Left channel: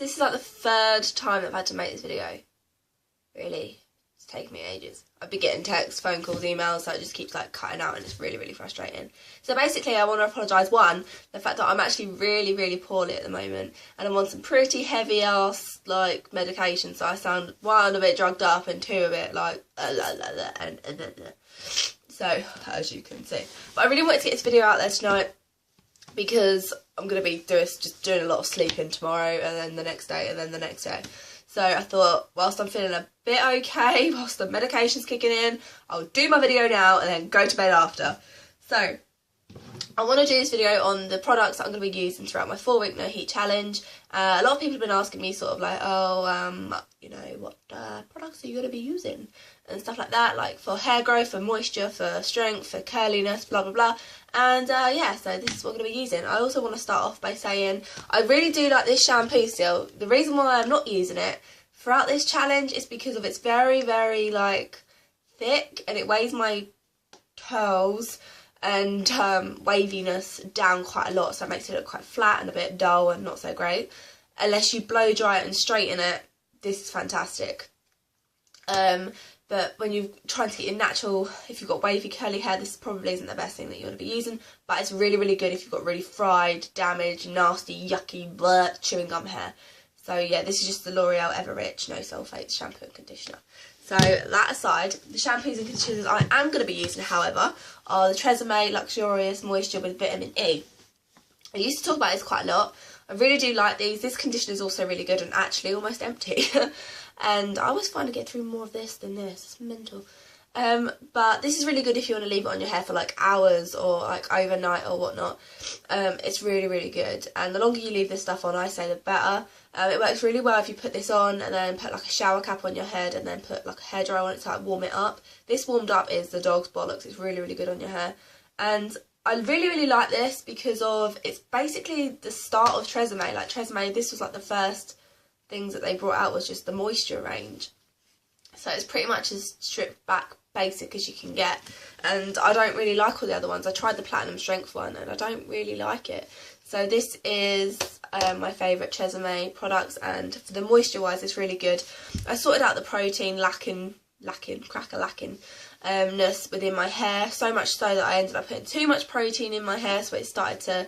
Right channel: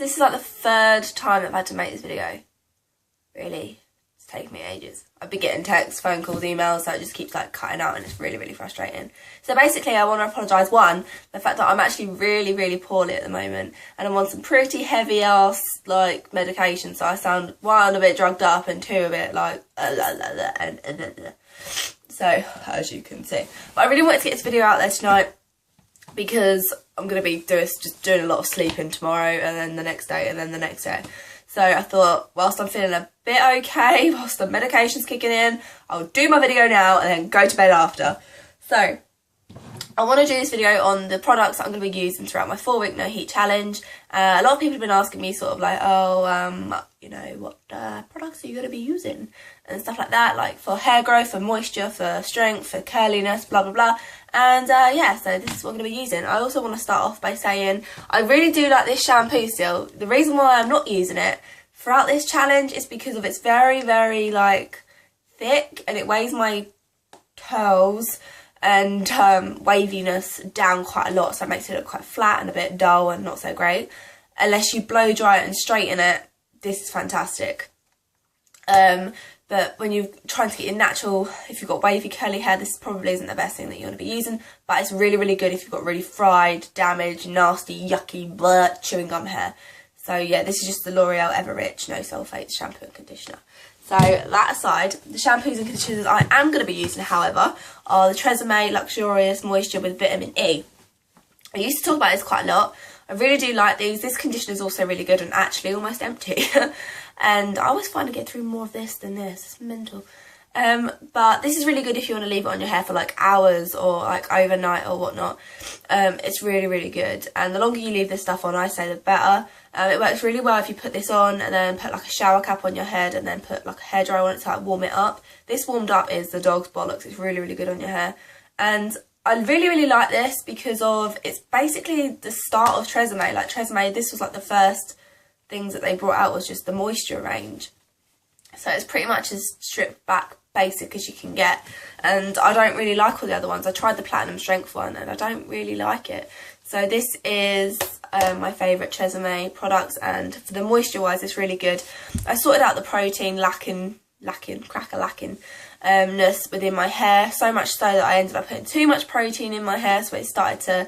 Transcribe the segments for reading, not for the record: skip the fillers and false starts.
this is like the third time I've had to make this video. Really, it's taken me ages. I've been getting texts, phone calls, emails, so it just keeps like cutting out and it's really, really frustrating. So basically I want to apologise, one, the fact that I'm actually really, really poorly at the moment and I'm on some pretty heavy ass like medication, so I sound one a bit drugged up and two a bit like so as you can see. But I really wanted to get this video out there tonight because I'm going to be just doing a lot of sleeping tomorrow and then the next day and then the next day. So I thought, whilst I'm feeling a bit okay, whilst the medication's kicking in, I'll do my video now and then go to bed after. So I want to do this video on the products that I'm going to be using throughout my 4-week no heat challenge. A lot of people have been asking me sort of like, oh, you know, what products are you going to be using? And stuff like that, like for hair growth, for moisture, for strength, for curliness, blah, blah, blah. And yeah, so this is what I'm going to be using. I also want to start off by saying I really do like this shampoo still. The reason why I'm not using it throughout this challenge is because of it's very, very like thick and it weighs my curls and waviness down quite a lot, so it makes it look quite flat and a bit dull and not so great. Unless you blow dry it and straighten it, this is fantastic. But when you're trying to get your natural, if you've got wavy curly hair, this probably isn't the best thing that you want to be using, but it's really, really good if you've got really fried, damaged, nasty, yucky, bleh, chewing gum hair. So yeah, this is just the L'Oreal Ever Rich No Sulfates shampoo and conditioner. So that aside, the shampoos and conditioners I am going to be using, however, are the Tresemme Luxurious Moisture with Vitamin E. I used to talk about this quite a lot. I really do like these. This conditioner is also really good and actually almost empty. And I always find I get through more of this than this. It's mental. But this is really good if you want to leave it on your hair for like hours or like overnight or whatnot. It's really, really good. And the longer you leave this stuff on, I say the better. It works really well if you put this on and then put like a shower cap on your head and then put like a hairdryer on it to like warm it up. This warmed up is the dog's bollocks. It's really, really good on your hair. And I really, really like this because of it's basically the start of Tresemme. Like Tresemme, this was like the first things that they brought out was just the moisture range. So it's pretty much as stripped back basic as you can get. And I don't really like all the other ones. I tried the Platinum Strength one and I don't really like it. So this is my favourite Tresemme products, and for the moisture wise it's really good. I sorted out the protein lackingness within my hair, so much so that I ended up putting too much protein in my hair, so it started to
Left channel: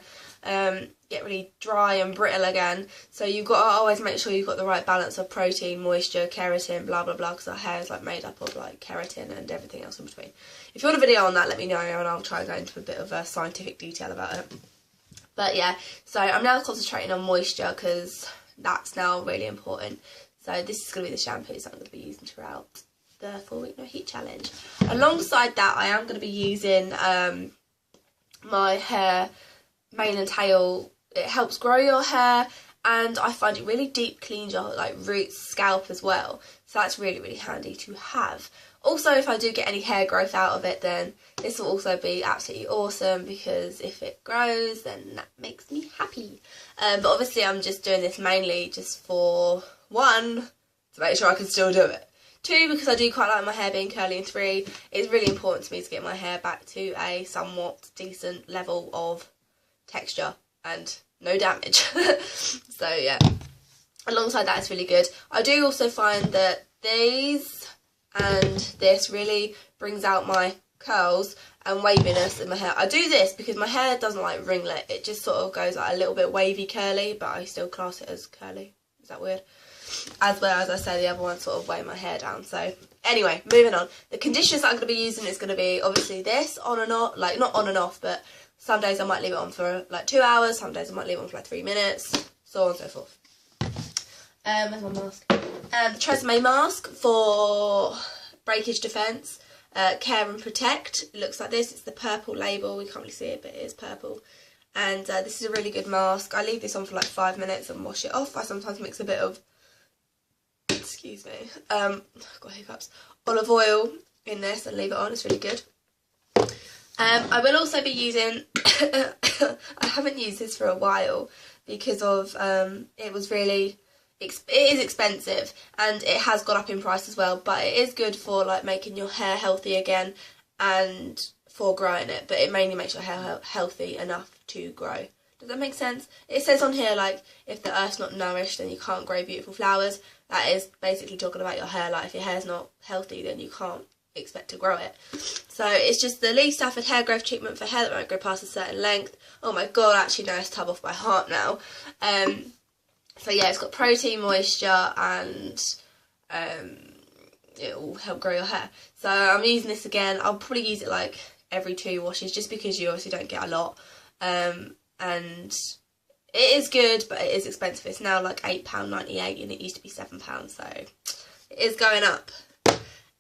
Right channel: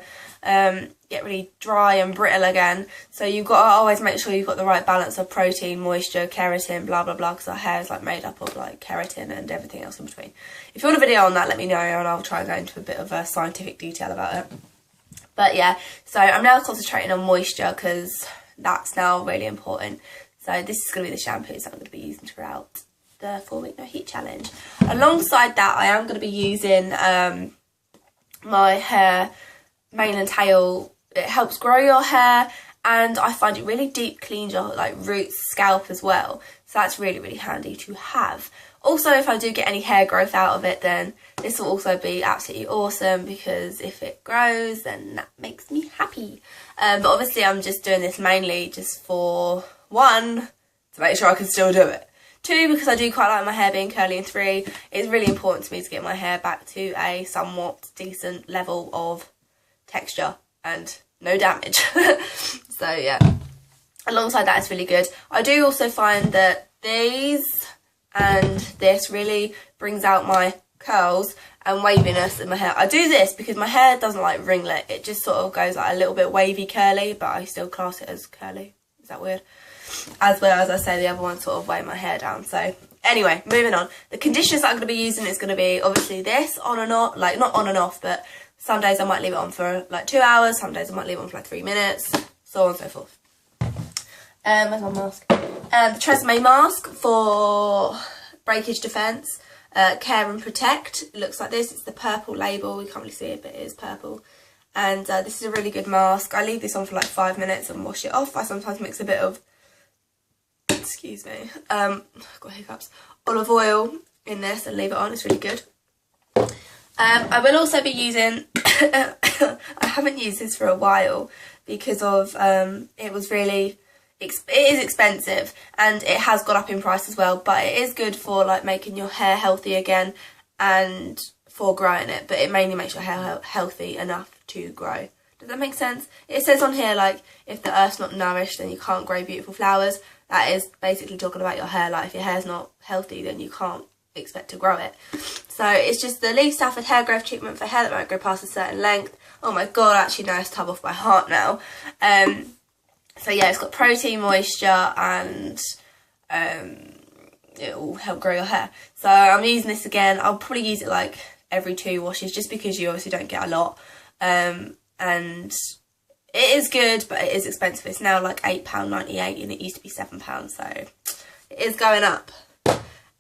get really dry and brittle again. So you've got to always make sure you've got the right balance of protein, moisture, keratin, blah blah blah, because our hair is like made up of like keratin and everything else in between. If you want a video on that, let me know and I'll try and go into a bit of scientific detail about it. But yeah, so I'm now concentrating on moisture because that's now really important. So this is going to be the shampoos that I'm going to be using throughout the 4-week no heat challenge. Alongside that, I am going to be using my hair mane and tail. It helps grow your hair and I find it really deep cleans your like roots, scalp as well. So that's really, really handy to have. Also, if I do get any hair growth out of it, then this will also be absolutely awesome because if it grows, then that makes me happy. But obviously I'm just doing this mainly just for, one, to make sure I can still do it. 2, because I do quite like my hair being curly, and 3, it's really important to me to get my hair back to a somewhat decent level of texture and no damage. So yeah, alongside that, it's really good. I do also find that these and this really brings out my curls and waviness in my hair. I do this because my hair doesn't like ringlet. It just sort of goes like a little bit wavy curly, but I still class it as curly. Is that weird? As well as I say, the other ones sort of weigh my hair down. So anyway, moving on. The conditioners that I'm going to be using is going to be obviously this on and off, like not on and off, but some days I might leave it on for like 2 hours, some days I might leave it on for like 3 minutes, so on and so forth. Where's my mask? The Tresemme mask for breakage defence, care and protect. It looks like this. It's the purple label. We can't really see it, but it is purple. And this is a really good mask. I leave this on for like 5 minutes and wash it off. I sometimes mix a bit of, excuse me, I've got hiccups, olive oil in this and leave it on. It's really good. I will also be using, I haven't used this for a while because of, it is expensive and it has got up in price as well, but it is good for like making your hair healthy again and for growing it, but it mainly makes your hair healthy enough to grow. Does that make sense? It says on here, like, if the earth's not nourished, then you can't grow beautiful flowers. That is basically talking about your hair. Like, if your hair's not healthy, then you can't expect to grow it. So it's just the Lee Stafford hair growth treatment for hair that won't grow past a certain length. Oh my god, I actually know it's tub off by heart now. So yeah, it's got protein, moisture, and it will help grow your hair. So I'm using this again. I'll probably use it like every 2 washes, just because you obviously don't get a lot. And it is good, but it is expensive. It's now like £8.98 and it used to be £7, so it is going up.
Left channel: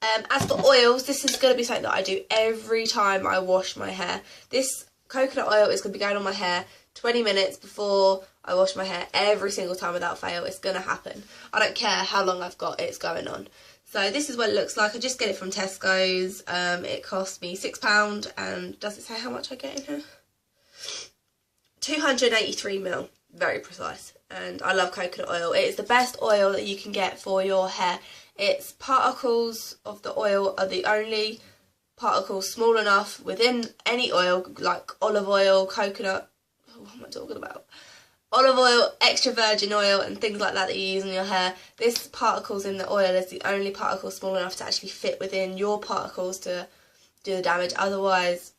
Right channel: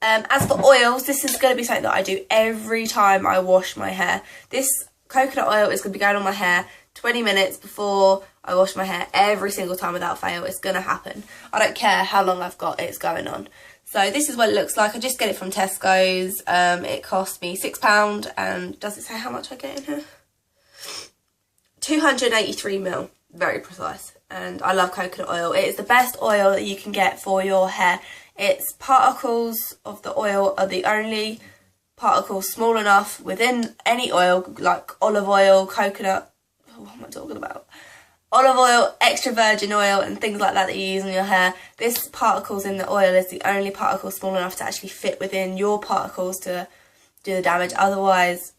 As for oils, this is going to be something that I do every time I wash my hair. This coconut oil is going to be going on my hair 20 minutes before I wash my hair every single time without fail. It's going to happen. I don't care how long I've got, it's going on. So this is what it looks like. I just get it from Tesco's. It cost me £6, and does it say how much I get in here? 283ml, very precise. And I love coconut oil. It is the best oil that you can get for your hair. Its particles of the oil are the only particles small enough within any oil, like olive oil, coconut, what am I talking about? Olive oil, extra virgin oil, and things like that you use on your hair. This particles in the oil is the only particle small enough to actually fit within your particles to do the damage. Otherwise,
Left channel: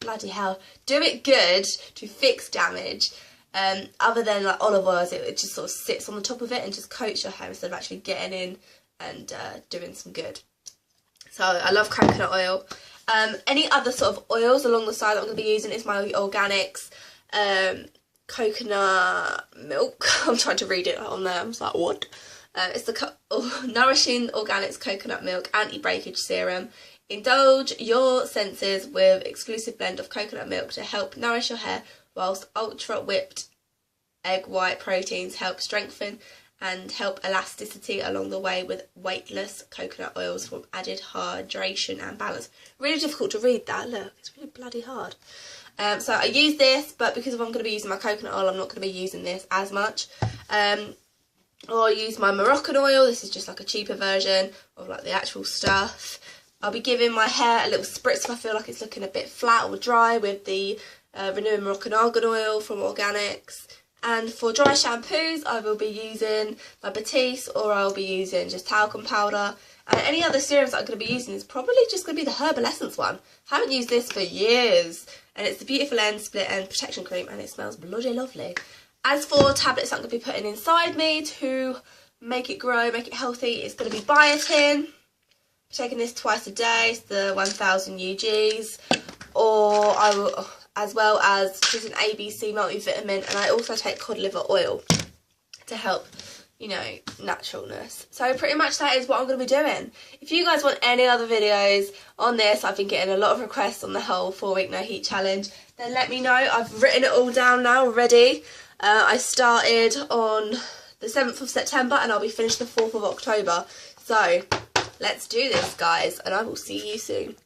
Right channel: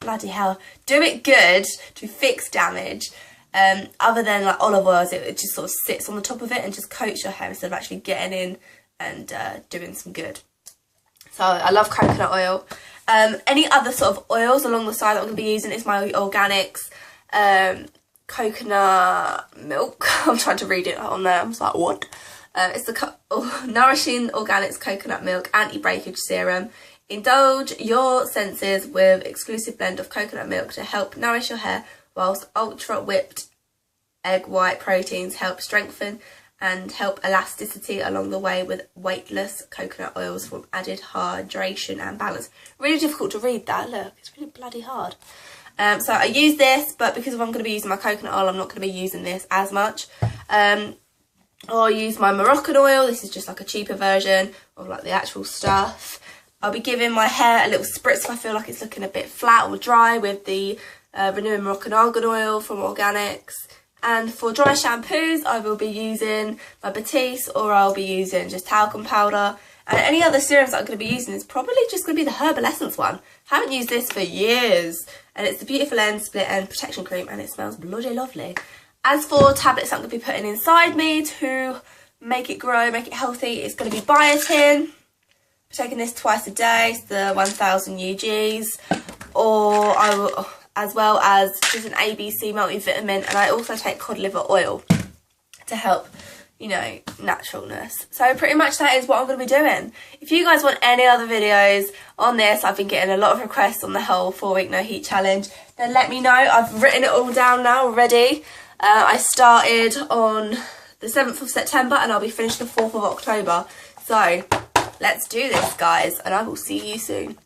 bloody hell, do it good to fix damage. Other than like olive oils, it just sort of sits on the top of it and just coats your hair instead of actually getting in and doing some good. So I love coconut oil. Any other sort of oils along the side that I'm going to be using is my organics. Coconut milk. I'm trying to read it on there. I'm just like, what? It's the Nourishing Organics Coconut Milk Anti-Breakage Serum. Indulge your senses with exclusive blend of coconut milk to help nourish your hair, whilst ultra whipped egg white proteins help strengthen and help elasticity along the way with weightless coconut oils from added hydration and balance. Really difficult to read that, look, it's really bloody hard. So I use this, but because I'm going to be using my coconut oil, I'm not going to be using this as much. Or use my Moroccan oil. This is just like a cheaper version of like the actual stuff. I'll be giving my hair a little spritz if I feel like it's looking a bit flat or dry with the Renewing Moroccan Argan Oil from Organics. And for dry shampoos, I will be using my Batiste, or I'll be using just talcum powder. And any other serums that I'm going to be using is probably just going to be the Herbal Essence one. Haven't used this for years. And it's the Beautiful End Split End Protection Cream, and it smells bloody lovely. As for tablets I'm going to be putting inside me to make it grow, make it healthy, it's going to be biotin. I'm taking this twice a day, it's the 1000 UGs. Or I will, as well as just an ABC multivitamin, and I also take cod liver oil to help, you know, naturalness. So pretty much that is what I'm going to be doing. If you guys want any other videos on this, I've been getting a lot of requests on the whole 4-week no heat challenge, then let me know. I've written it all down now already. I started on the 7th of September and I'll be finished the 4th of October. So let's do this, guys, and I will see you soon.